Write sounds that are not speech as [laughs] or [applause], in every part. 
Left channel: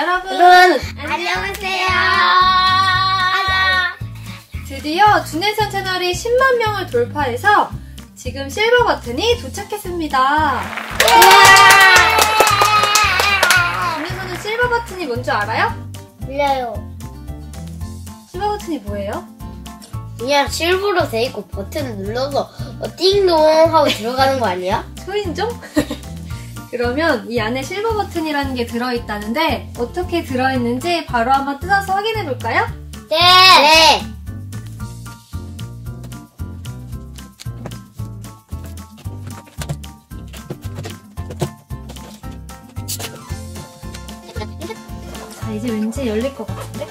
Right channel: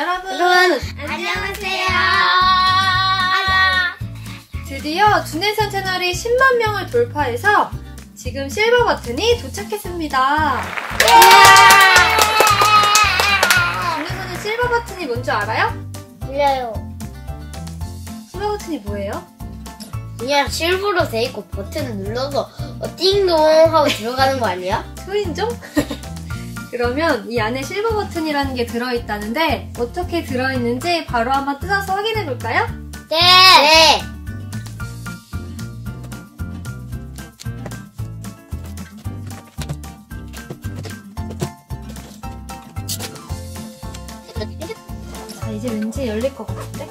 여러분 안녕하세요. 드디어 준혜선 채널이 10만 명을 돌파해서 지금 실버 버튼이 도착했습니다. 준혜선은 실버 버튼이 뭔지 알아요? 몰라요. 실버 버튼이 뭐예요? 그냥 실버로 돼 있고 버튼을 눌러서 어, 띵동 하고 들어가는 거 아니야? 소인종? [laughs] 그러면 이 안에 실버 버튼이라는 게 들어있다는데 어떻게 들어있는지 바로 한번 뜯어서 확인해 볼까요? 네. 네. 자, 이제 왠지 열릴 것 같은데?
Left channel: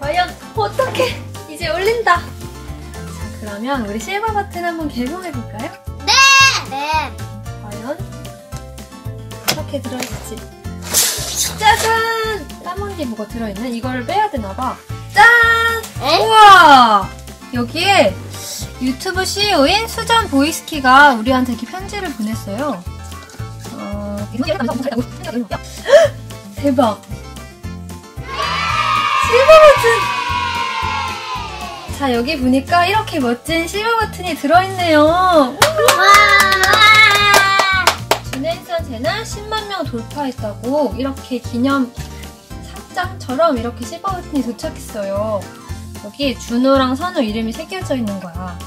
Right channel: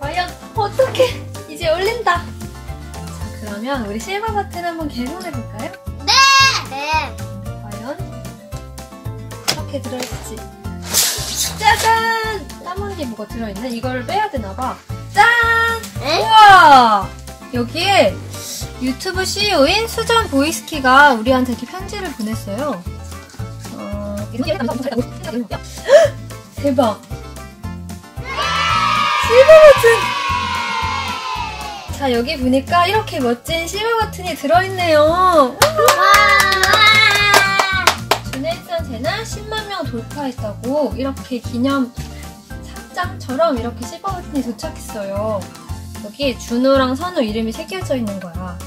과연 어떻게 이제 열린다. 자, 그러면 우리 실버 버튼 한번 개봉해 볼까요? 네. 과연 어떻게 들어있지? 짜잔! 까만게 뭐가 들어있는? 이걸 빼야 되나봐. 짠! 에? 우와! 여기에 유튜브 CEO인 수전 보이스키가 우리한테 이렇게 편지를 보냈어요. 어, 대박! 실버 버튼! 자, 여기 보니까 이렇게 멋진 실버 버튼이 들어있네요. 채널 10만 명 돌파했다고 이렇게 기념 상장처럼 이렇게 실버 버튼이 도착했어요. 여기 준호랑 선우 이름이 새겨져 있는 거야.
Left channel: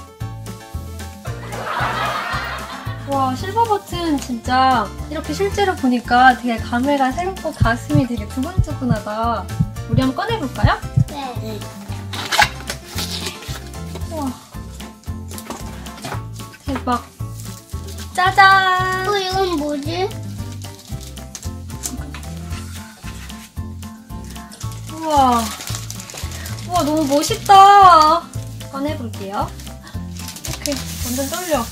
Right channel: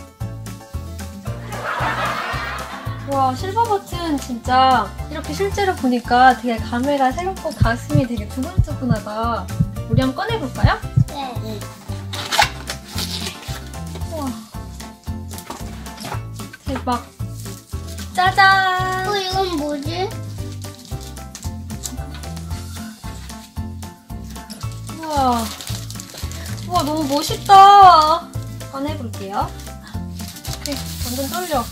와 실버 버튼 진짜 이렇게 실제로 보니까 되게 감회가 새롭고 가슴이 되게 두근두근하다. 우리 한번 꺼내볼까요? 네. 우와. 대박. 짜잔! 뭐지? 우와. 우와, 너무 멋있다. 꺼내볼게요. 이렇게 완전 떨려.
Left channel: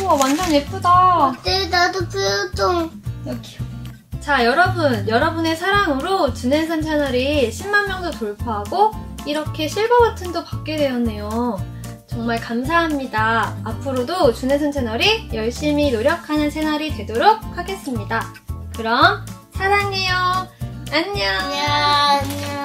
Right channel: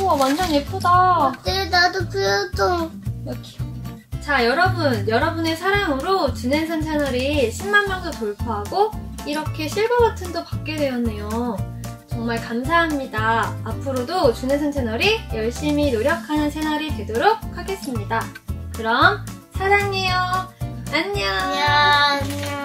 우와, 완전 예쁘다. 네, 나도 표정. 여기요. 자, 여러분. 여러분의 사랑으로 준현선 채널이 10만 명도 돌파하고 이렇게 실버 버튼도 받게 되었네요. 정말 감사합니다. 앞으로도 준혜선 채널이 열심히 노력하는 채널이 되도록 하겠습니다. 그럼 사랑해요. 안녕. 안녕.